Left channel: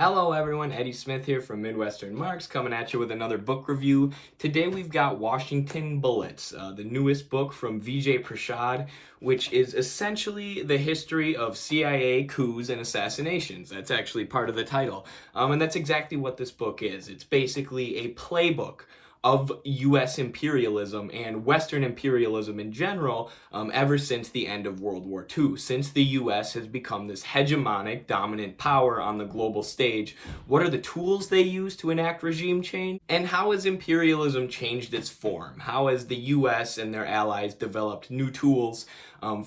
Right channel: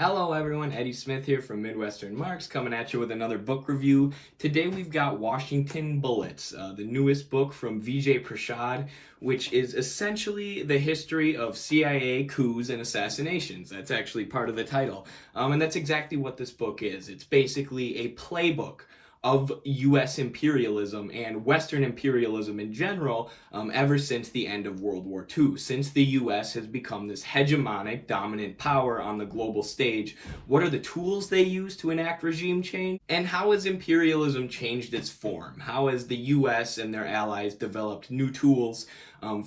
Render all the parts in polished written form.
Hello everyone, Eddie Smith here from Midwestern Marks coming at you with another book review. Today we've got Washington Bullets, the newest book from Vijay Prashad, which is essentially the history of CIA coups and assassinations. That's actually part of the title. And that's exactly what this book is. It's basically a playbook of U.S. imperialism and Western imperialism in general ever since the end of World War II. Since the U.S. has become this hegemonic, dominant power on the global stage, what are the tools they use to enact regime change? And how has imperialism changed its form? How has the U.S. and their allies developed new tools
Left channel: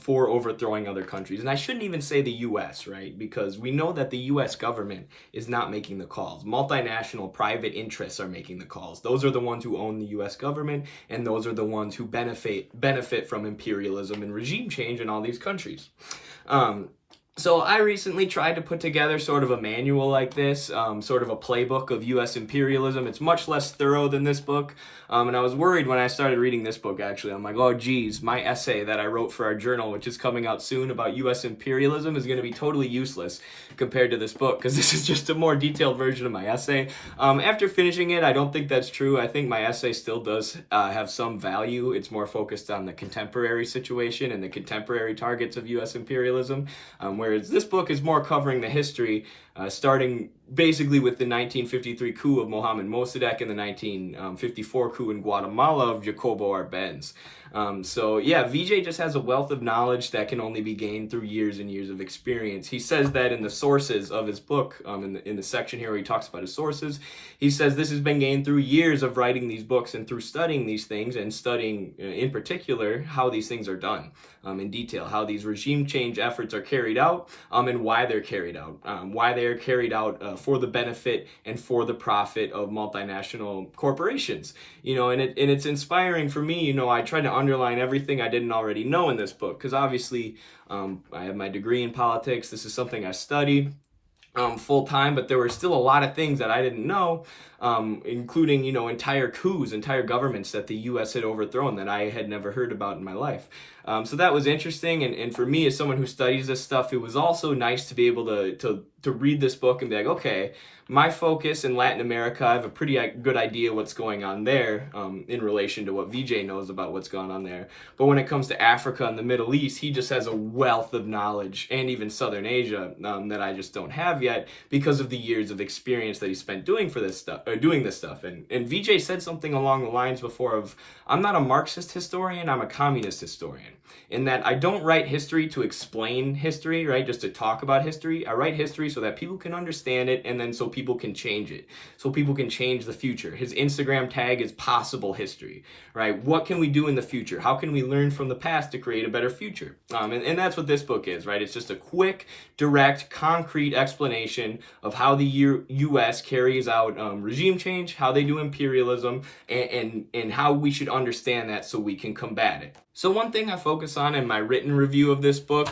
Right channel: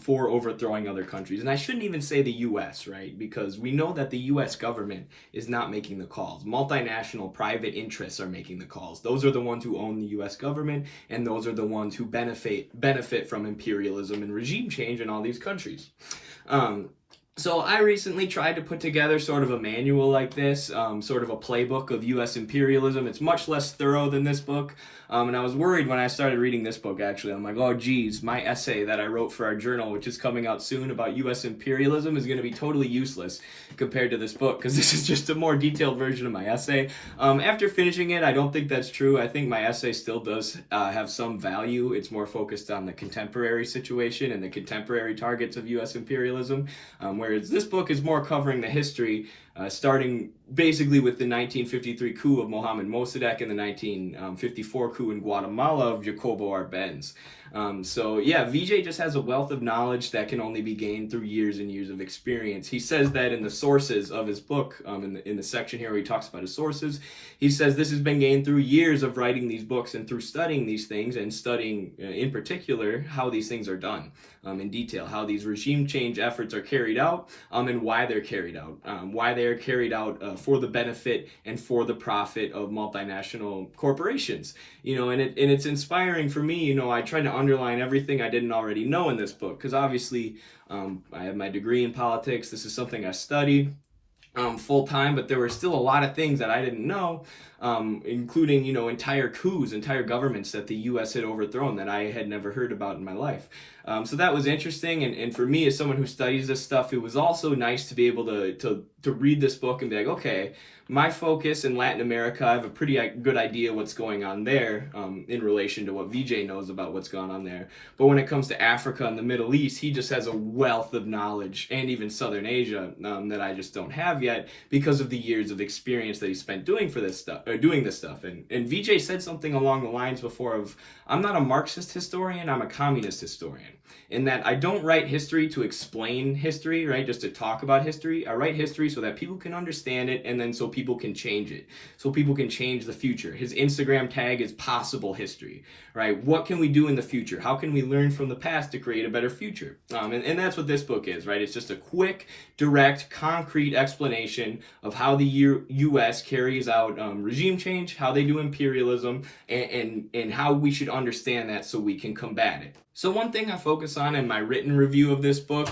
for overthrowing other countries? And I shouldn't even say the U.S., right? Because we know that the U.S. government is not making the calls. Multinational private interests are making the calls. Those are the ones who own the U.S. government, and those are the ones who benefit from imperialism and regime change in all these countries. So I recently tried to put together sort of a manual like this, sort of a playbook of U.S. imperialism. It's much less thorough than this book. And I was worried when I started reading this book, actually. I'm like, oh, geez, my essay that I wrote for our journal, which is coming out soon about U.S. imperialism, is going to be totally useless compared to this book, because this is just a more detailed version of my essay. After finishing it, I don't think that's true. I think my essay still does have some value. It's more focused on the contemporary situation and the contemporary targets of U.S. imperialism, whereas this book is more covering the history, starting basically with the 1953 coup of Mohamed Mossadegh and the 1954 coup in Guatemala of Jacobo Arbenz. So yeah, Vijay just has a wealth of knowledge that can only be gained through years and years of experience. He says that in the sources of his book, in the section here where he talks about his sources, he says this has been gained through years of writing these books and through studying these things and studying in particular how these things are done in detail, how these regime change efforts are carried out and why they're carried out, for the benefit and for the profit of multinational corporations. And it's inspiring for me. I tried to underline everything I didn't already know in this book, because obviously I have my degree in politics. This is something I studied full time, but there were still a lot of things that I didn't know, including, entire coups, entire governments that the U.S. had overthrown that I had never heard about in my life. So that was interesting, and for me, as someone who studies this stuff, it was also nice to be able to read this book and be like, okay, my focus in Latin America, I have a pretty good idea what's going on there in relation to what Vijay knows about what's going on there. But when it comes to Africa and the Middle East, he just has a wealth of knowledge, and even Southern Asia that I just don't have yet because of the years of experience that he spent doing this stuff. And Vijay said something along the lines before of, I'm not a Marxist historian, I'm a communist historian. In that I don't write history to explain history, right? Just to talk about history. I write history so that people can understand it, and then so people can change it. So people can change the future. His Instagram tag is possible history, right? What can we do in the future? How can we learn from the past to create a better future? And that's what this book is, right? It's just a quick, direct, concrete explanation of how the U.S. carries out regime change, how they do imperialism, and how we should understand that so we can combat it. So one thing I focus on in my written review of this book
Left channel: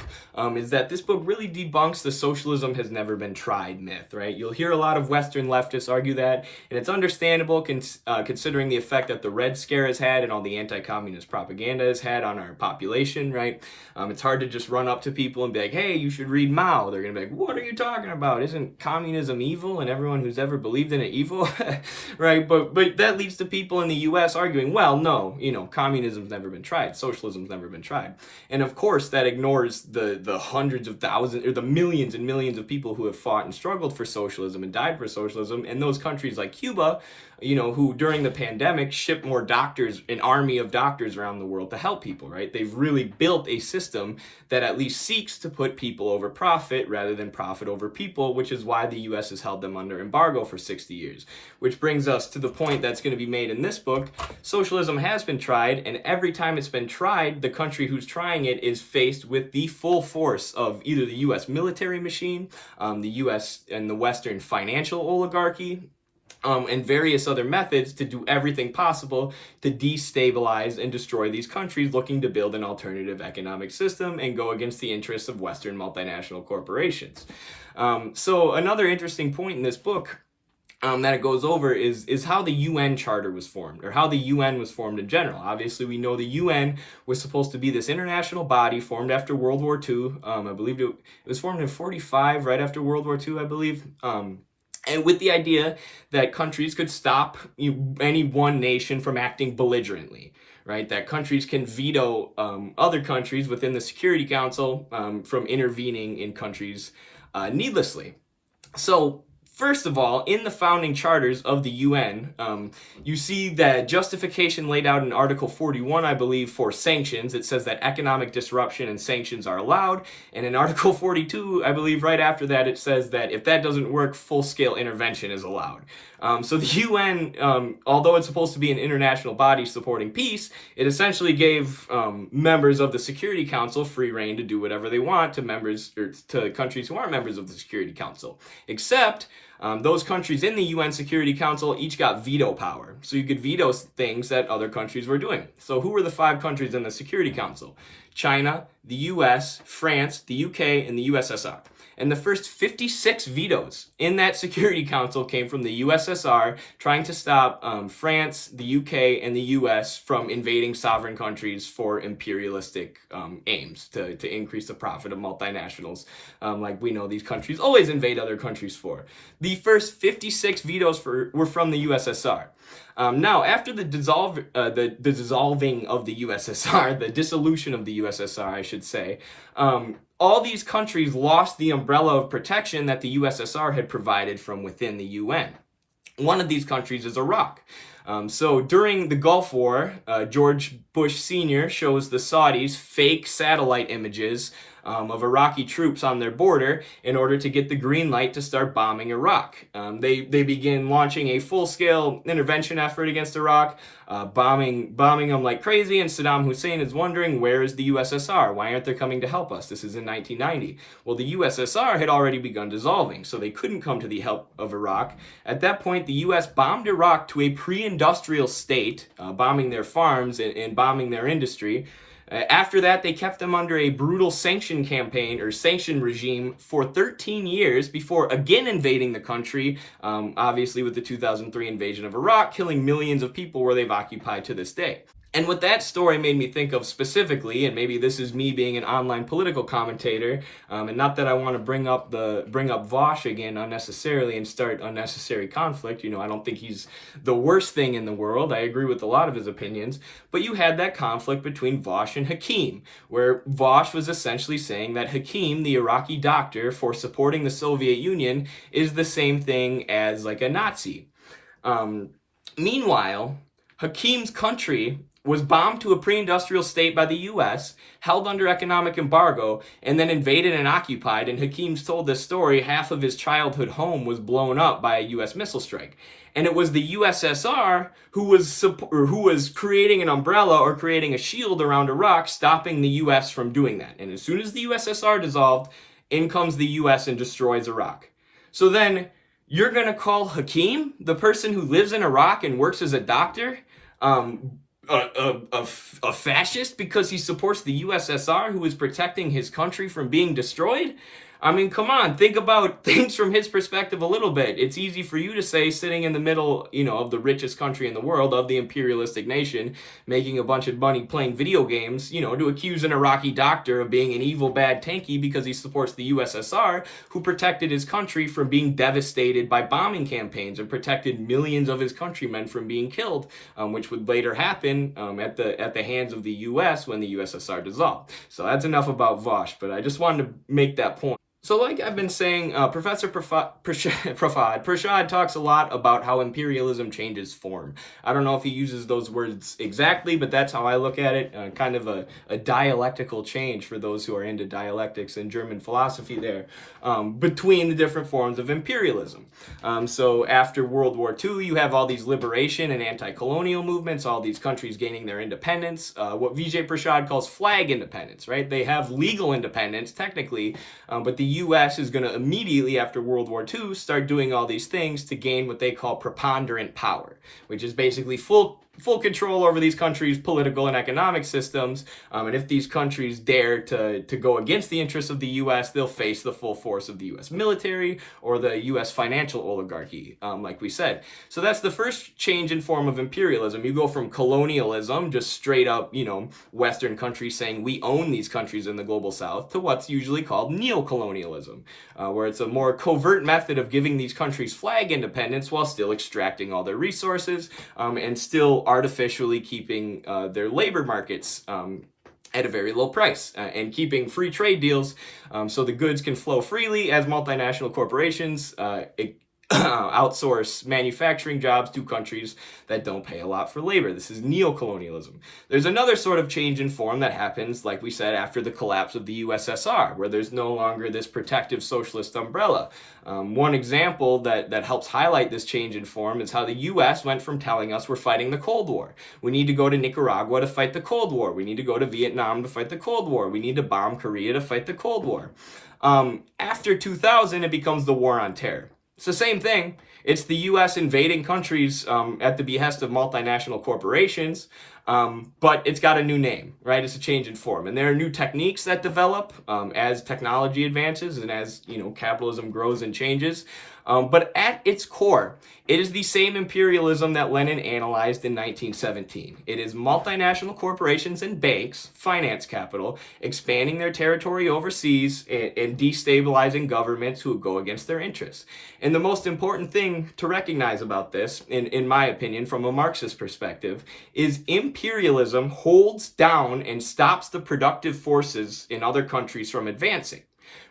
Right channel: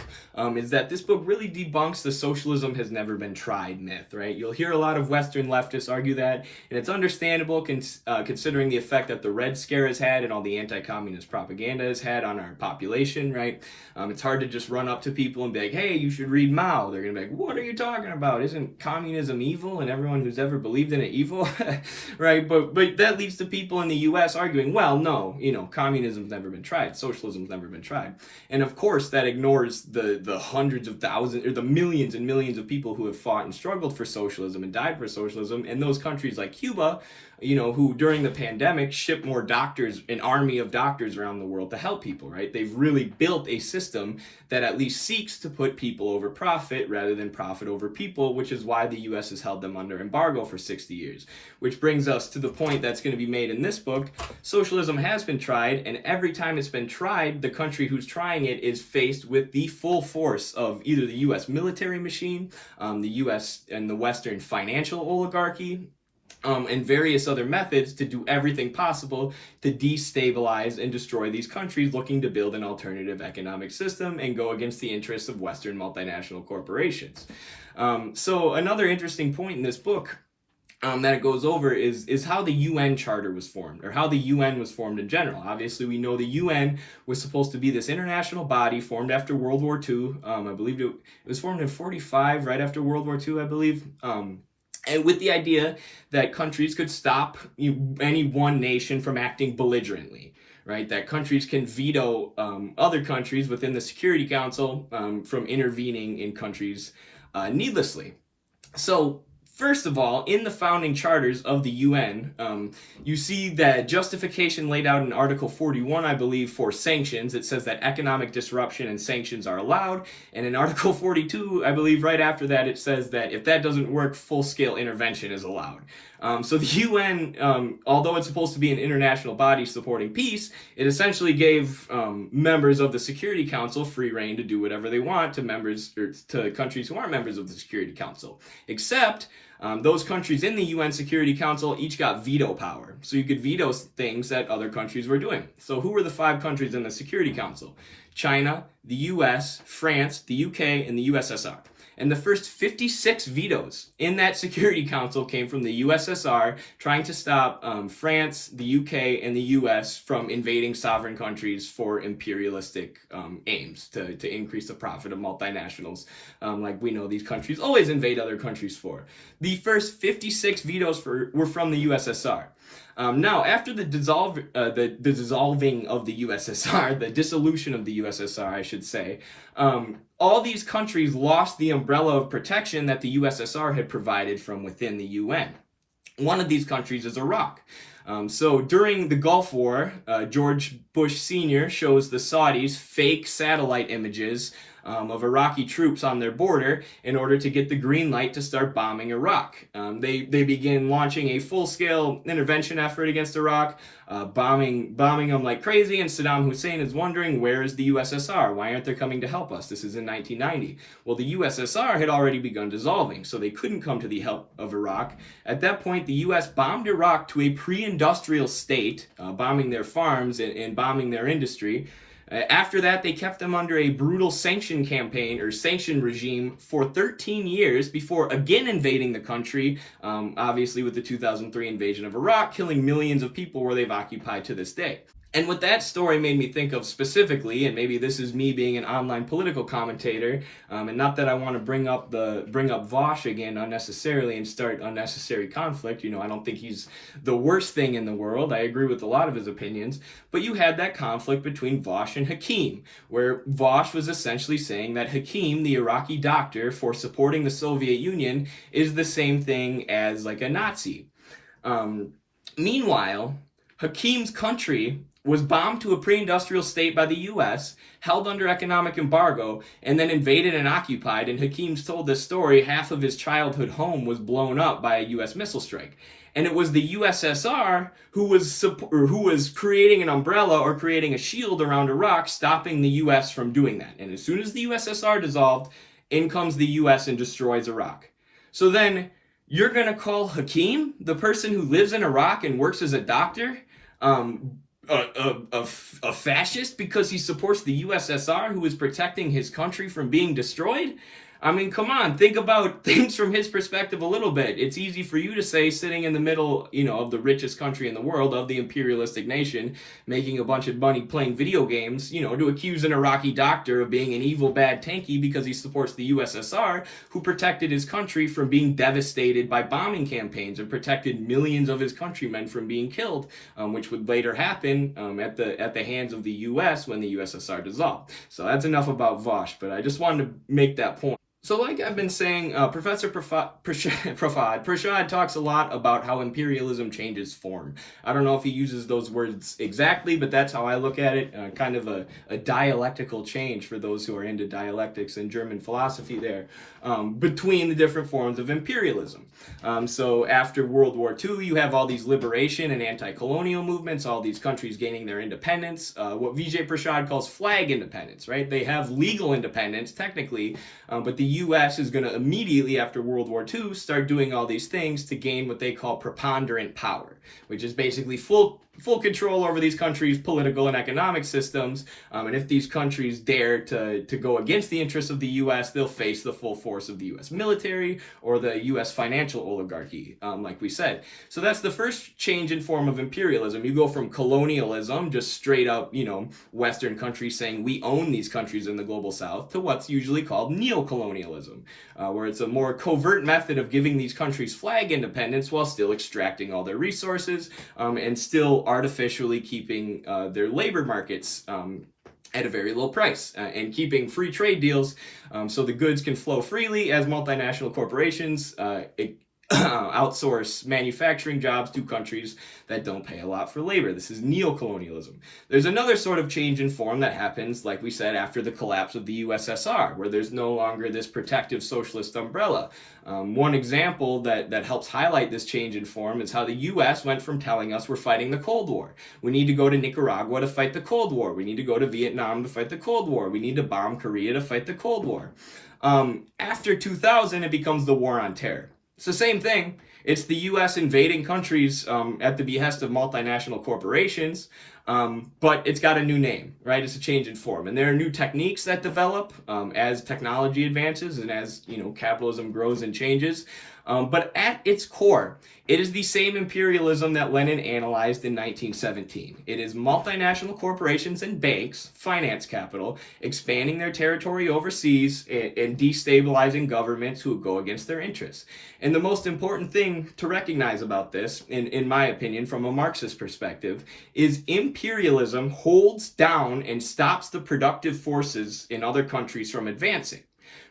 is that this book really debunks the socialism has never been tried myth, right? You'll hear a lot of Western leftists argue that, and it's understandable considering the effect that the Red Scare has had and all the anti-communist propaganda has had on our population, right? It's hard to just run up to people and be like, hey, you should read Mao. They're going to be like, what are you talking about? Isn't communism evil and everyone who's ever believed in it evil? Right? But that leads to people in the U.S. arguing, well, no, communism's never been tried. Socialism's never been tried. And of course, that ignores the hundreds of thousands or the millions and millions of people who have fought and struggled for socialism and died for socialism. And those countries like Cuba, who during the pandemic shipped more doctors, an army of doctors around the world to help people, right? They've really built a system that at least seeks to put people over profit rather than profit over people, which is why the U.S. has held them under embargo for 60 years. Which brings us to the point that's going to be made in this book. Socialism has been tried, and every time it's been tried, the country who's trying it is faced with the full force of either the U.S. military machine, the U.S. and the Western financial oligarchy, and various other methods to do everything possible to destabilize and destroy these countries looking to build an alternative economic system and go against the interests of Western multinational corporations. So another interesting point in this book that it goes over is how the UN Charter was formed, or how the UN was formed in general. Obviously, we know the UN was supposed to be this international body formed after World War II. I believe it was formed in 1945, right after World War II, I believe. and with the idea that countries could stop any one nation from acting belligerently, right? That countries can veto other countries within the Security Council from intervening in countries needlessly. So, first of all, in the founding charters of the UN, you see that justification laid out in Article 41, I believe, for sanctions. It says that economic disruption and sanctions are allowed. And in Article 42, I believe right after that, it says that if that doesn't work, full-scale intervention is allowed. So the UN, although it's supposed to be an international body supporting peace, it essentially gave members of the Security Council free rein to do whatever they want to members or to countries who aren't members of the Security Council, except those countries in the UN Security Council each got veto power. So you could veto things that other countries were doing. So who were the 5 countries in the Security Council? China, the US, France, the UK, and the USSR. And the first 56 vetoes in that Security Council came from the USSR, trying to stop France, the UK, and the US from invading sovereign countries for imperialistic aims to increase the profit of multinationals, like we know these countries always invade other countries for. The first 56 vetoes were from the USSR. Now, after the dissolving of the USSR, the dissolution of the USSR, I should say, all these countries lost the umbrella of protection that the USSR had provided from within the UN. One of these countries is Iraq. So during the Gulf War, George Bush Sr. shows the Saudis fake satellite images of Iraqi troops on their border in order to get the green light to start bombing Iraq. They begin launching a full-scale intervention effort against Iraq, bombing them like crazy, and Saddam Hussein is wondering, where is the USSR? Why aren't they coming to help us? This is in 1990. Well, the USSR had already begun dissolving, so they couldn't come to the help of Iraq. At that point, the US bombed Iraq to a pre-industrial state, bombing their farms and bombing their industry. After that, they kept them under a brutal sanction campaign or sanction regime for 13 years before again invading the country, obviously with the 2003 invasion of Iraq, killing millions of people where they've occupied to this day. And what that story made me think of specifically, and maybe this is me being an online political commentator, and not that I want to bring up Vosh again unnecessarily and start unnecessary conflict. I don't think he's the worst thing in the world. I agree with a lot of his opinions, but you had that conflict between Vosh and Hakim, where Vosh was essentially saying that Hakim, the Iraqi doctor for supporting the Soviet Union, is the same thing as like a Nazi. Meanwhile, Hakim's country was bombed to a pre-industrial state by the U.S., held under economic embargo, and then invaded and occupied. And Hakim's told this story, half of his childhood home was blown up by a U.S. missile strike. And it was the USSR who was creating an umbrella or creating a shield around Iraq, stopping the U.S. from doing that. And as soon as the USSR dissolved, in comes the U.S. and destroys Iraq. So then you're going to call Hakim, the person who lives in Iraq and works as a doctor, a fascist because he supports the USSR, who is protecting his country from being destroyed? I mean, come on, think about things from his perspective a little bit. It's easy for you to say, sitting in the middle, of the richest country in the world, of the imperialistic nation, making a bunch of money playing video games, to accuse an Iraqi doctor of being an evil, bad tanky because he supports the USSR, who protected his country from being devastated by bombing campaigns and protected millions of his countrymen from being killed, which would later happen at the hands of the US when the USSR dissolved. So that's enough about Vosh, but I just wanted to make that point. So like I've been saying, Professor Prashad talks a lot about how imperialism changes form. I don't know if he uses those words exactly, but that's how I look at it, kind of a dialectical change for those who are into dialectics and German philosophy there, between the different forms of imperialism. So after World War II, you have all these liberation and anti-colonial movements, all these countries gaining their independence, what Vijay Prashad calls flag independence, right? They have legal independence, technically, but the U.S. is going to immediately after World War II start doing all these things to gain what they call preponderant power, which is basically full full control over these countries' political and economic systems. And if these countries dare to go against the interests of the U.S., they'll face the full force of the U.S. military or the U.S. financial oligarchy, like we said. So that's the first change in form of imperialism. You go from colonialism, just straight up, Western countries saying we own these countries in the global South, to what's usually called neocolonialism, where it's a more covert method of giving these countries flag independence while still extracting all their resources, and still artificially keeping their labor markets at a very low price, and keeping free trade deals so the goods can flow freely as multinational corporations outsource manufacturing jobs to countries that don't pay a lot for labor. This is neocolonialism. There's another sort of change in form that happens, like we said, after the collapse of the USSR, where there's no longer this protective socialist umbrella. One example that helps highlight this change in form is how the U.S. went from telling us we're fighting the Cold War. We need to go to Nicaragua to fight the Cold War. We need to go to Vietnam to fight the Cold War. We need to bomb Korea to fight the Cold War. After 2000, it becomes the War on Terror. It's the same thing. It's the U.S. invading countries at the behest of multinational corporations, but it's got a new name, right? It's a change in form. And there are new techniques that develop as technology advances and as, capitalism grows and changes. But at its core, it is the same imperialism that Lenin analyzed in 1917. It is multinational corporations and banks, finance capital, expanding their territory overseas and destabilizing governments who go against their interests. And the most important thing to recognize about this, in my opinion, from a Marxist perspective, is imperialism holds down and stops the productive forces in other countries from advancing.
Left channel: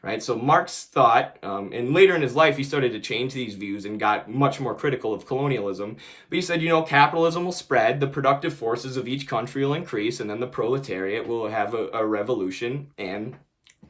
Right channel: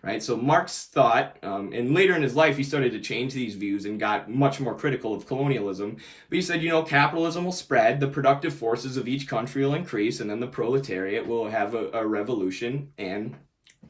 Right, so Marx thought, and later in his life he started to change these views and got much more critical of colonialism, but he said, capitalism will spread, the productive forces of each country will increase, and then the proletariat will have a revolution and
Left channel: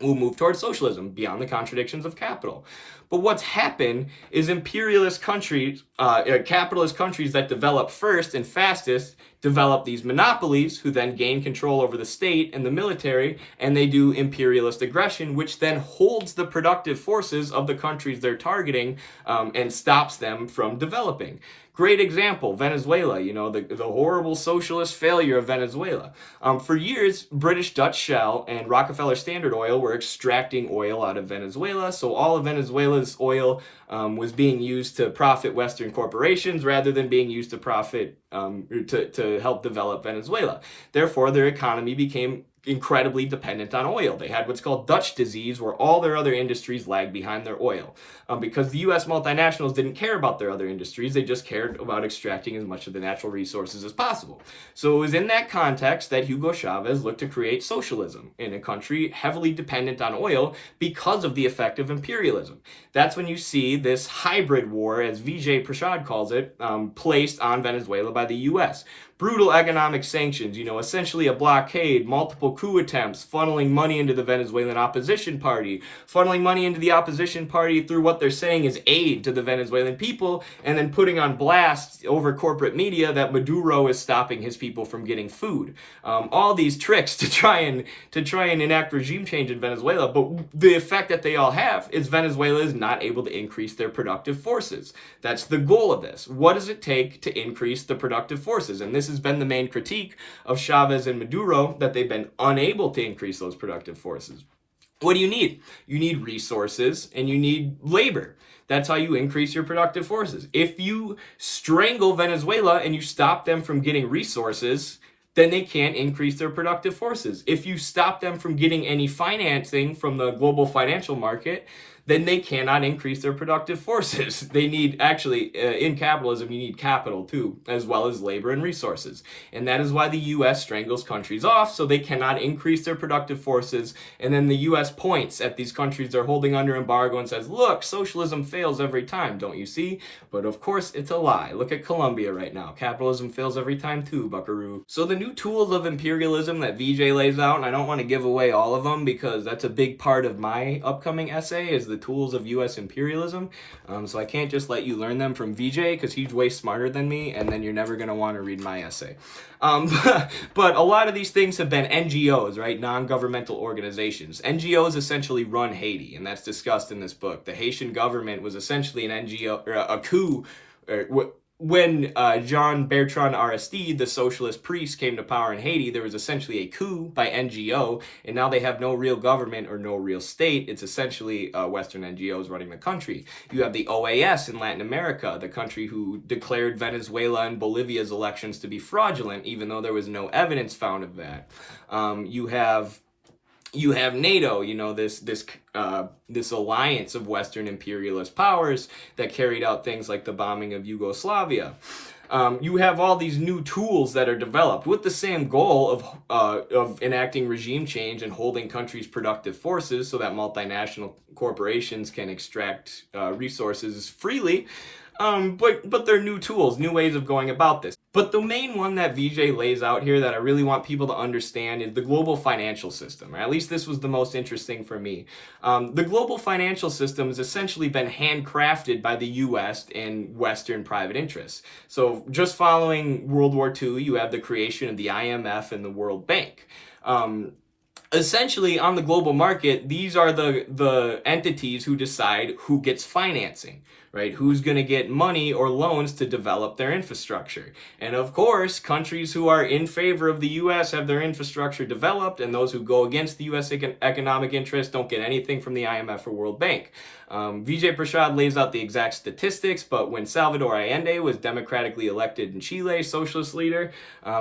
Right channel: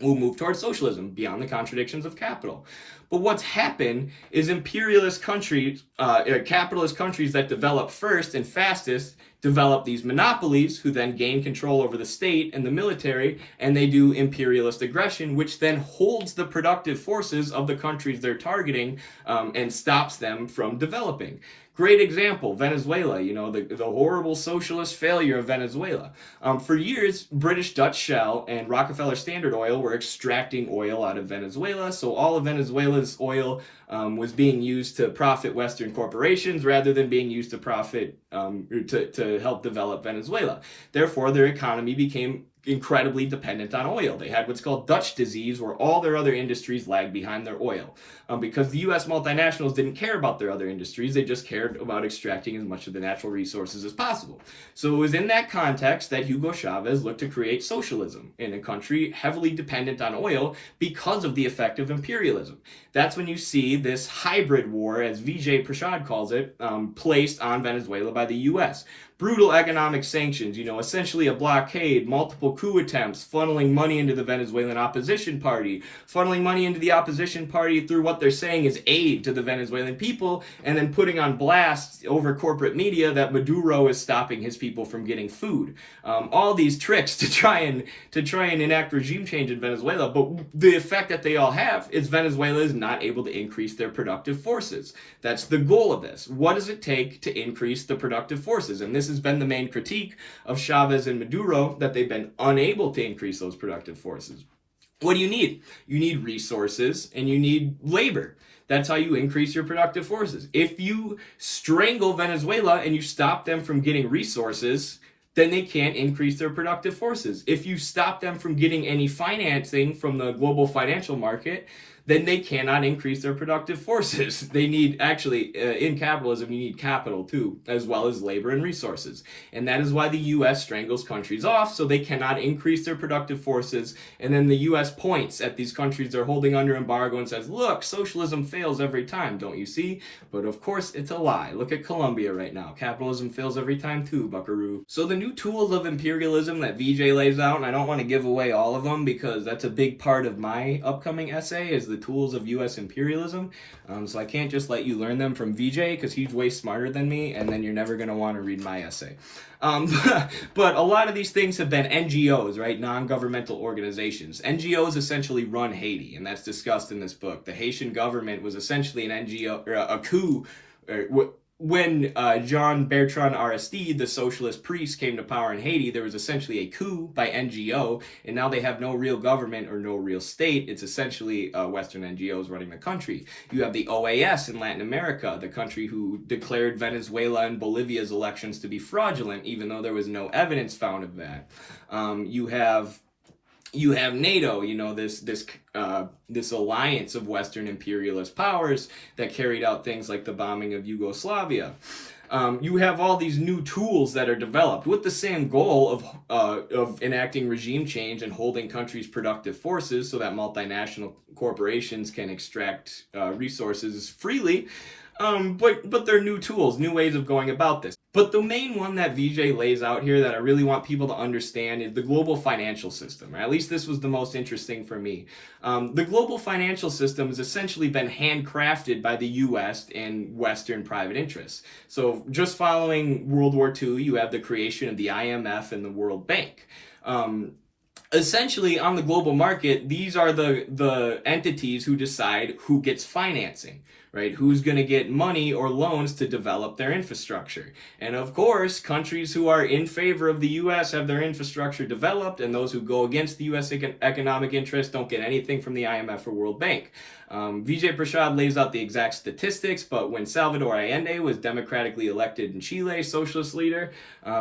will move towards socialism beyond the contradictions of capital. But what's happened is imperialist countries, capitalist countries that develop first and fastest, develop these monopolies who then gain control over the state and the military, and they do imperialist aggression, which then holds the productive forces of the countries they're targeting and stops them from developing. Great example, Venezuela, the horrible socialist failure of Venezuela. For years, British Dutch Shell and Rockefeller Standard Oil were extracting oil out of Venezuela, so all of Venezuela's oil was being used to profit Western corporations rather than being used to profit, to help develop Venezuela. Therefore, their economy became incredibly dependent on oil. They had what's called Dutch disease, where all their other industries lagged behind their oil. Because the U.S. multinationals didn't care about their other industries, they just cared about extracting as much of the natural resources as possible. So it was in that context that Hugo Chavez looked to create socialism in a country heavily dependent on oil because of the effect of imperialism. That's when you see this hybrid war, as Vijay Prashad calls it, placed on Venezuela by the U.S. Brutal economic sanctions, essentially a blockade, multiple coup attempts, funneling money into the Venezuelan opposition party, funneling money into the opposition party through what they're saying is aid to the Venezuelan people, and then putting on blast over corporate media that Maduro is stopping his people from getting food. All these tricks to try and enact regime change in Venezuela, but the effect that they all have is Venezuela is not able to increase their productive forces. That's the goal of this. What does it take to increase the productive forces? And this has been the main critique of Chavez and Maduro, that they've been unable to increase those productive forces. What do you need? You need resources and you need labor. That's how you increase your productive forces. If you strangle Venezuela and you stop them from getting resources, then they can't increase their productive forces. If you stop them from getting any financing from the global financial market, then they cannot increase their productive forces. They need, actually, in capitalism, you need capital too, as well as labor and resources. And that is why the U.S. strangles countries off, so they cannot increase their productive forces. And then the U.S. points at these countries they're holding under embargo and says, look, socialism fails every time, don't you see? But of course, it's a lie. Look at Colombia right now. Capitalism fails every time too, buckaroo. So the new tools of imperialism that Vijay lays out, and I don't want to give away all of them because that's a big part of my upcoming essay, is the tools of U.S. imperialism. So I can't just let you learn them from Vijay because he's way smarter than me, and then you're never going to want to read my essay. But a lot of these things have been NGOs, right? Non-governmental organizations. NGOs essentially run Haiti, and that's discussed in this book. The Haitian government was essentially an NGO, or a coup, when Jean Bertrand Aristide, the socialist priest, came to power in Haiti, there was essentially a coup by NGO, and now they have no real government or no real state. It's essentially Western NGOs running the country. You have the OAS in Latin America, the country who declared Venezuela and Bolivia's elections to be fraudulent, even though there was no evidence found of that. You have NATO, this alliance of Western imperialist powers that carried out things like the bombing of Yugoslavia. You have all these new tools that are developed with the same goal of enacting regime change and holding countries' productive forces so that multinational corporations can extract resources freely. But they're new tools, new ways of going about this. But the main one that Vijay lays out here that I really want people to understand is the global financial system. Or at least this was the most interesting for me. The global financial system has essentially been handcrafted by the U.S. and Western private interests. So just following World War II, you have the creation of the IMF and the World Bank. Essentially, on the global market, these are the entities who decide who gets financing, right? Who's going to get money or loans to develop their infrastructure. And of course, countries who are in favor of the U.S. have their infrastructure developed, and those who go against the U.S. economic interests don't get anything from the IMF or World Bank. Vijay Prashad lays out the exact statistics, but when Salvador Allende was democratically elected in Chile, socialist leader,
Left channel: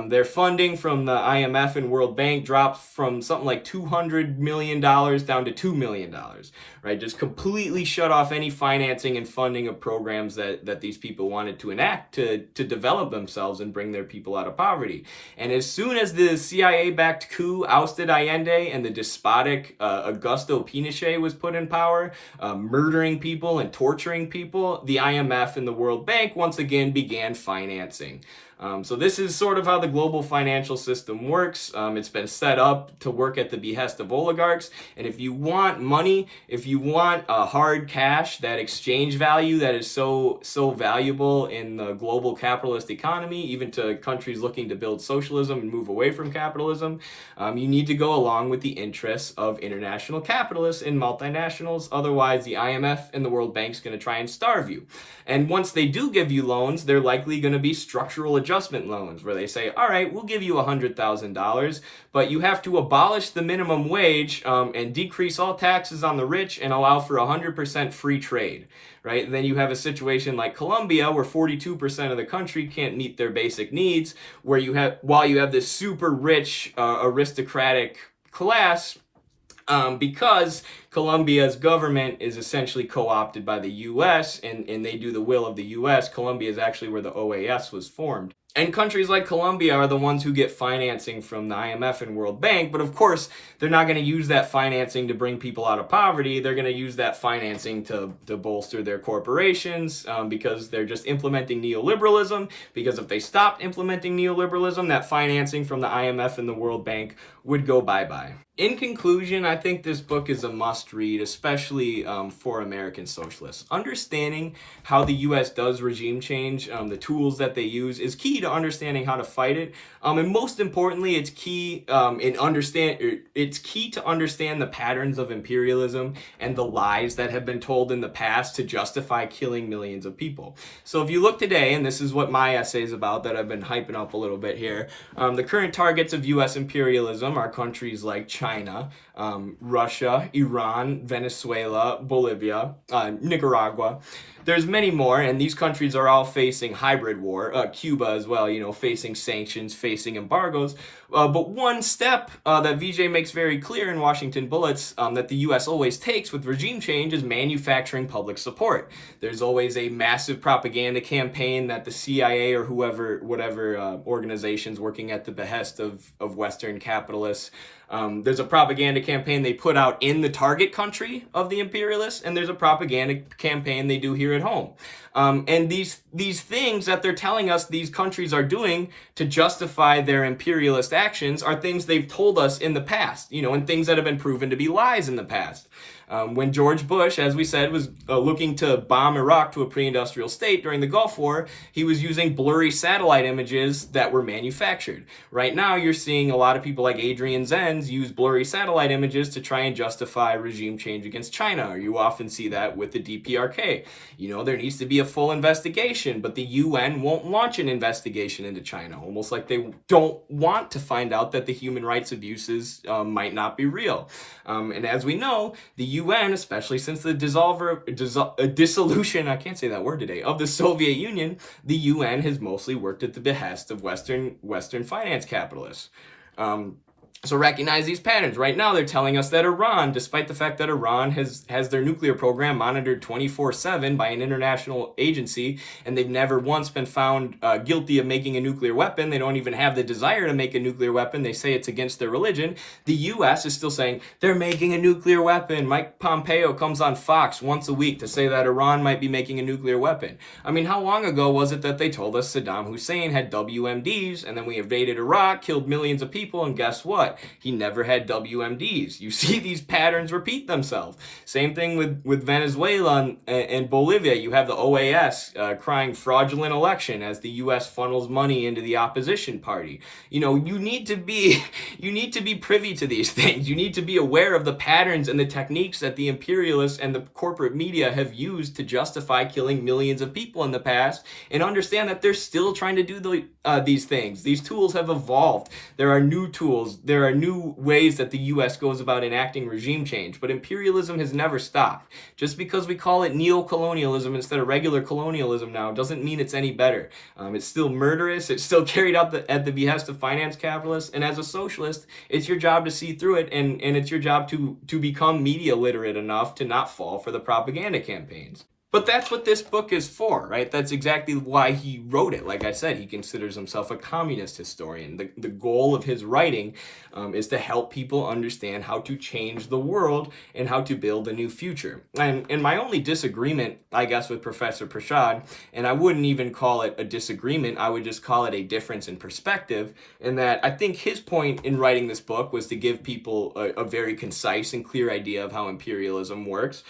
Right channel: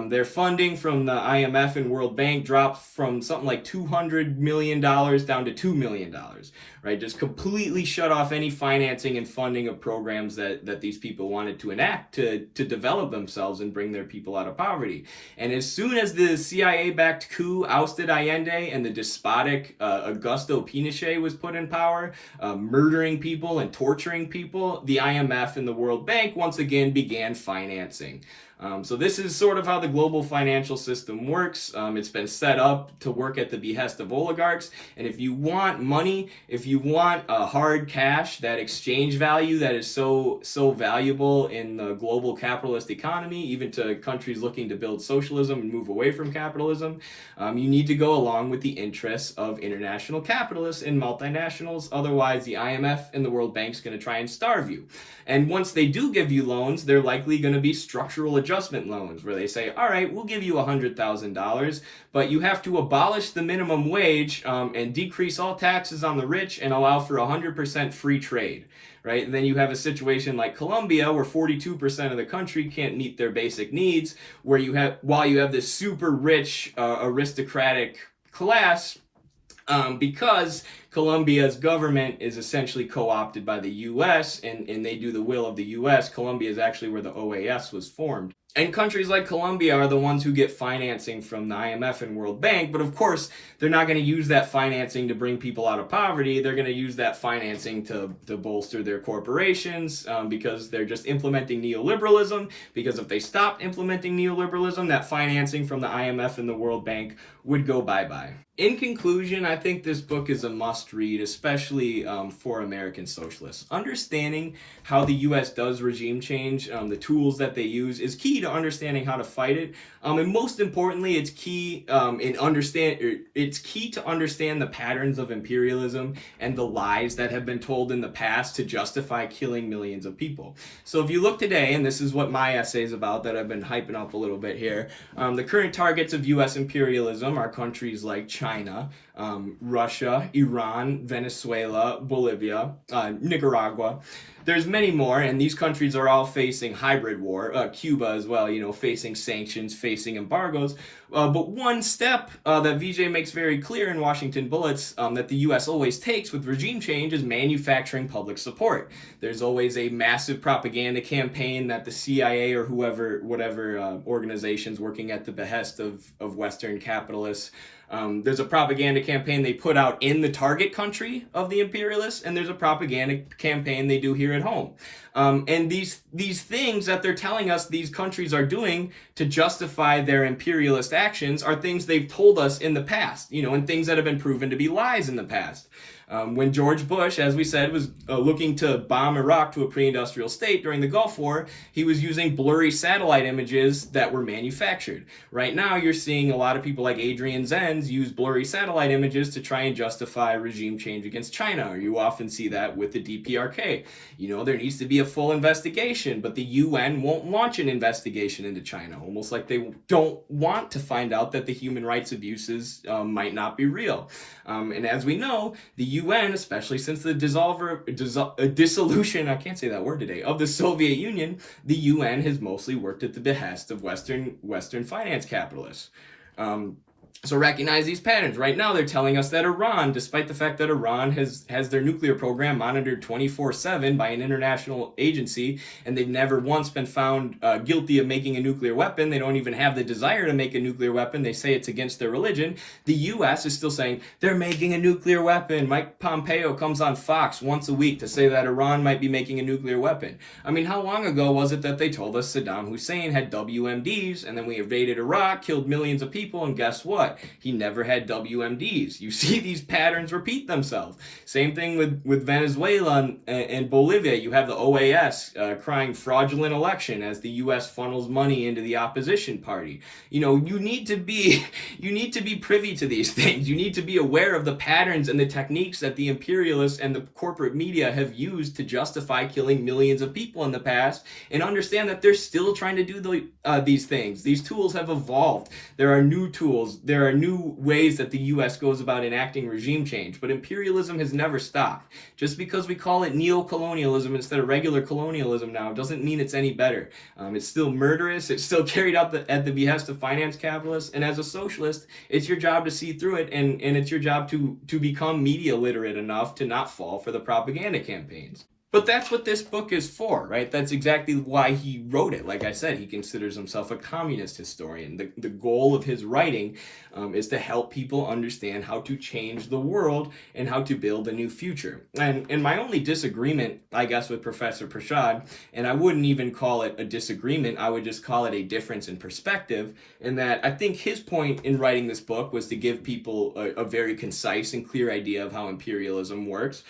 their funding from the IMF and World Bank dropped from something like $200 million down to $2 million, right? Just completely shut off any financing and funding of programs that these people wanted to enact to develop themselves and bring their people out of poverty. And as soon as the CIA-backed coup ousted Allende and the despotic Augusto Pinochet was put in power, murdering people and torturing people, the IMF and the World Bank once again began financing. So this is sort of how the global financial system works. It's been set up to work at the behest of oligarchs. And if you want money, if you want hard cash, that exchange value that is so valuable in the global capitalist economy, even to countries looking to build socialism and move away from capitalism, you need to go along with the interests of international capitalists and multinationals. Otherwise, the IMF and the World Bank is going to try and starve you. And once they do give you loans, they're likely going to be structural adjustment loans where they say, all right, we'll give you $100,000, but you have to abolish the minimum wage and decrease all taxes on the rich and allow for 100% free trade. Right? And then you have a situation like Colombia where 42% of the country can't meet their basic needs, where while you have this super rich aristocratic class, because Colombia's government is essentially co-opted by the U.S. and they do the will of the U.S. Colombia is actually where the OAS was formed. And countries like Colombia are the ones who get financing from the IMF and World Bank, but of course, they're not going to use that financing to bring people out of poverty. They're going to use that financing to bolster their corporations because they're just implementing neoliberalism. Because if they stopped implementing neoliberalism, that financing from the IMF and the World Bank would go bye-bye. In conclusion, I think this book is a must-read, especially for American socialists. Understanding how the U.S. does regime change, the tools that they use, is key to understanding how to fight it. And most importantly, it's key to understand the patterns of imperialism and the lies that have been told in the past to justify killing millions of people. So if you look today, and this is what my essay is about that I've been hyping up a little bit here, the current targets of U.S. imperialism are countries like China, Russia, Iran, Venezuela, Bolivia, Nicaragua. There's many more, and these countries are all facing hybrid war. Cuba as well, facing sanctions, facing embargoes. But one step that Vijay makes very clear in Washington Bullets that the U.S. always takes with regime change is manufacturing public support. There's always a massive propaganda campaign that the CIA or whatever organizations working at the behest of Western capitalists, there's a propaganda campaign they put out in the target country of the imperialists, and there's a propaganda campaign they do here at home. And these things that they're telling us these countries are doing to justify their imperialist actions are things they've told us in the past, and things that have been proven to be lies in the past. When George Bush, as we said, was looking to bomb Iraq to a pre-industrial state during the Gulf War, he was using blurry satellite images that were manufactured. Right now, you're seeing a lot of people like Adrian Zenz use blurry satellite images to try and justify regime change against China. Or you often see that with the DPRK. There needs to be a full investigation, but the UN won't launch an investigation into China, almost like they don't want to find out that the human rights abuses might not be real. And as we know, the UN, especially since the dissolution, I can't say that word today, of the Soviet Union, the UN has mostly worked at the behest of Western finance capitalists. So recognize these patterns. Right now, they're telling us that Iran, despite the fact that Iran has their nuclear program monitored 24/7 by an international agency, and they've never once been found guilty of making a nuclear weapon, they don't even have the desire to make a nuclear weapon, they say it's against their religion, the U.S. is still saying they're making a nuclear weapon. Mike Pompeo comes on Fox once a week to say that Iran might be making a nuclear weapon. I mean, how long ago was it that they told us Saddam Hussein had WMDs, and then we invaded Iraq, killed millions of people, and guess what? He never had WMDs. You see these patterns repeat themselves. Same thing with Venezuela and Bolivia. You have the OAS crying fraudulent election as the U.S. funnels money into the opposition party. You need to be privy to these things. You need to be aware of the patterns and the techniques that the imperialists and the corporate media have used to justify killing millions of people in the past, and understand that they're still trying to do these things. These tools have evolved. There are new tools. There are new ways that the U.S. goes about enacting regime change, but imperialism has never stopped. Just because we call it neo-colonialism instead of regular colonialism now doesn't mean it's any better. It's still murderous. It's still carried out at the behest of finance capitalists, and as a socialist, it's your job to see through it, and it's your job to become media literate enough to not fall for the propaganda campaigns. But that's what this book is for, right? That's exactly why he wrote it. Like I said, he considers himself a communist historian. The goal of his writing is to help people understand how to change the world and how to build a new future. And my only disagreement, I guess, with Professor Prashad, and I wouldn't even call it a disagreement, I would just call it a difference in perspective, in that I think his point in writing this book was to give people a very concise and clear idea of how imperialism works.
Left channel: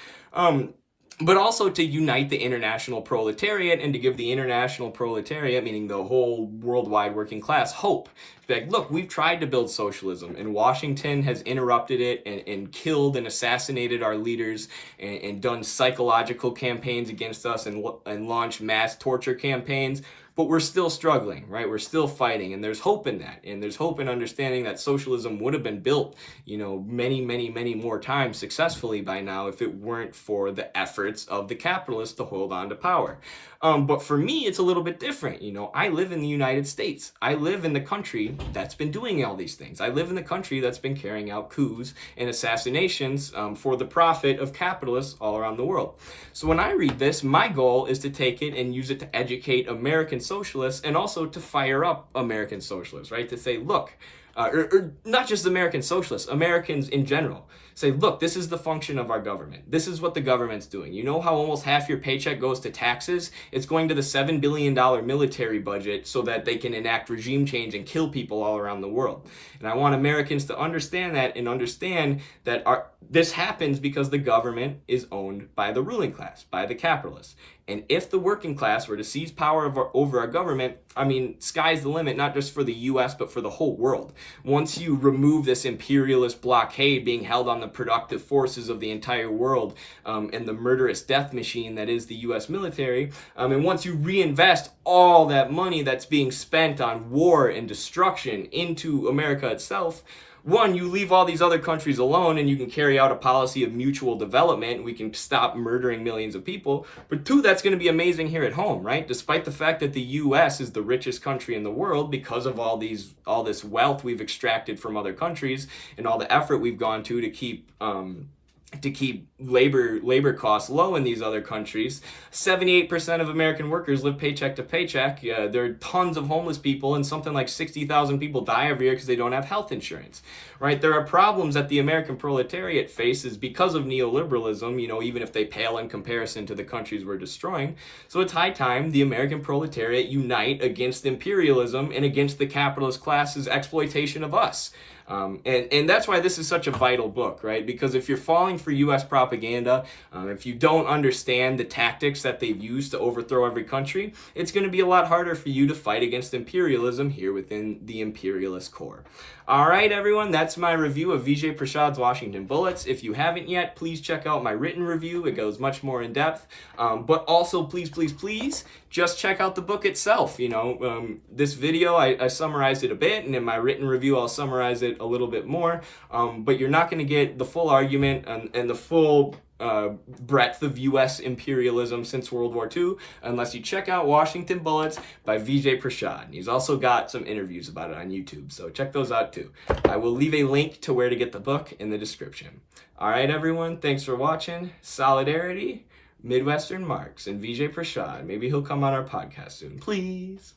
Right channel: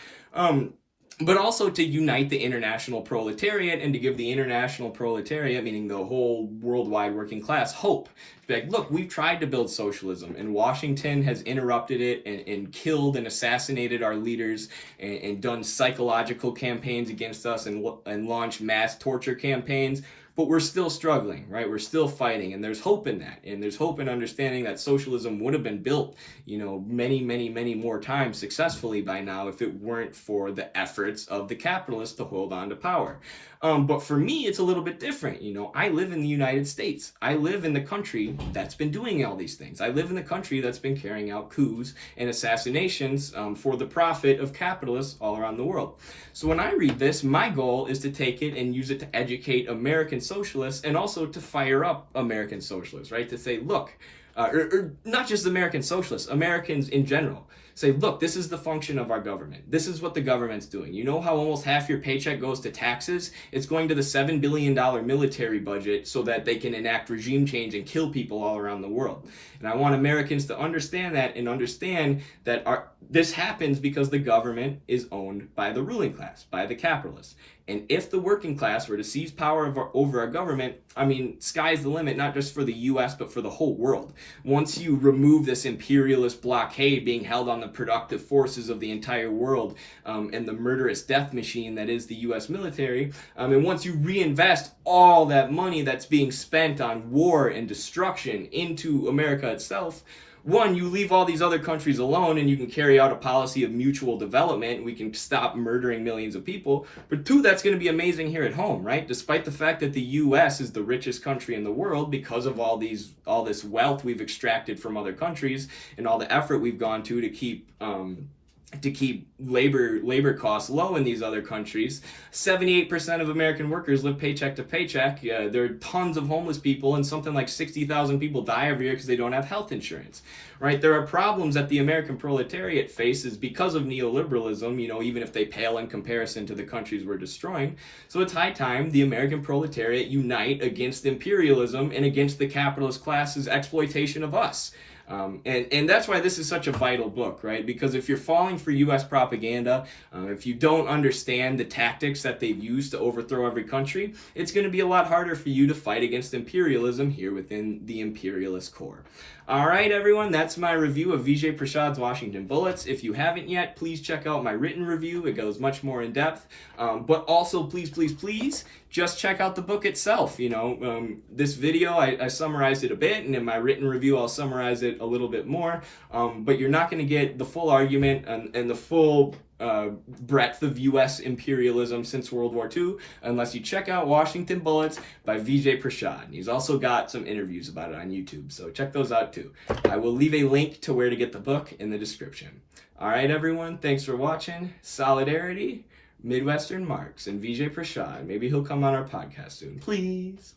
But also to unite the international proletariat and to give the international proletariat, meaning the whole worldwide working class, hope. Like, look, we've tried to build socialism, and Washington has interrupted it and killed and assassinated our leaders and done psychological campaigns against us and launched mass torture campaigns. But we're still struggling, right? We're still fighting, and there's hope in that. And there's hope in understanding that socialism would have been built, many, many, many more times successfully by now if it weren't for the efforts of the capitalists to hold on to power. But for me, it's a little bit different. I live in the United States. I live in the country that's been doing all these things. I live in the country that's been carrying out coups and assassinations for the profit of capitalists all around the world. So when I read this, my goal is to take it and use it to educate American socialists and also to fire up American socialists, right? To say, look, or not just American socialists, Americans in general. Say, look, this is the function of our government. This is what the government's doing. You know how almost half your paycheck goes to taxes? It's going to the $7 billion military budget so that they can enact regime change and kill people all around the world. And I want Americans to understand that and understand that this happens because the government is owned by the ruling class, by the capitalists. And if the working class were to seize power over our government, sky's the limit, not just for the U.S., but for the whole world. Once you remove this imperialist blockade being held on the productive forces of the entire world and the murderous death machine that is the U.S. military, and once you reinvest all that money that's being spent on war and destruction into America itself, one, you leave all these other countries alone and you can carry out a policy of mutual development and we can stop murdering millions of people. But two, that's going to be amazing here at home, right? Despite the fact that the U.S. is the richest country in the world because of all this wealth we've extracted from other countries and all the effort we've gone to keep labor costs low in these other countries. 78% of American workers live paycheck to paycheck. There are tons of homeless people, and something like 60,000 people die every year because they don't have health insurance, right? There are problems that the American proletariat faces because of neoliberalism, even if they pale in comparison to the countries we're destroying. So it's high time the American proletariat unite against imperialism and against the capitalist class's exploitation of us. And that's why this is such a vital book, right? Because if you're falling for U.S. propaganda, if you don't understand the tactics that they've used to overthrow every country, it's going to be a lot harder for you to fight against imperialism here within the imperialist core. All right, everyone, that's my review of Vijay Prashad's Washington Bullets. If you haven't yet, please check out my written review. It goes much more in depth. But also, please, just check out the book itself. This video, I summarized it a bit, and in my written review, I'll summarize it a little bit more. But you're not going to get the full argument and the full breadth of U.S. imperialism since World War II unless you check out Washington Bullets by Vijay Prashad. And he's also got some interviews about it on YouTube, so check those out too. I will leave a link to where to get the book in the description. All right, everyone, thanks for watching. Solidarity, Midwestern Marx, and Vijay Prashad. Maybe he'll come on our podcast soon, please.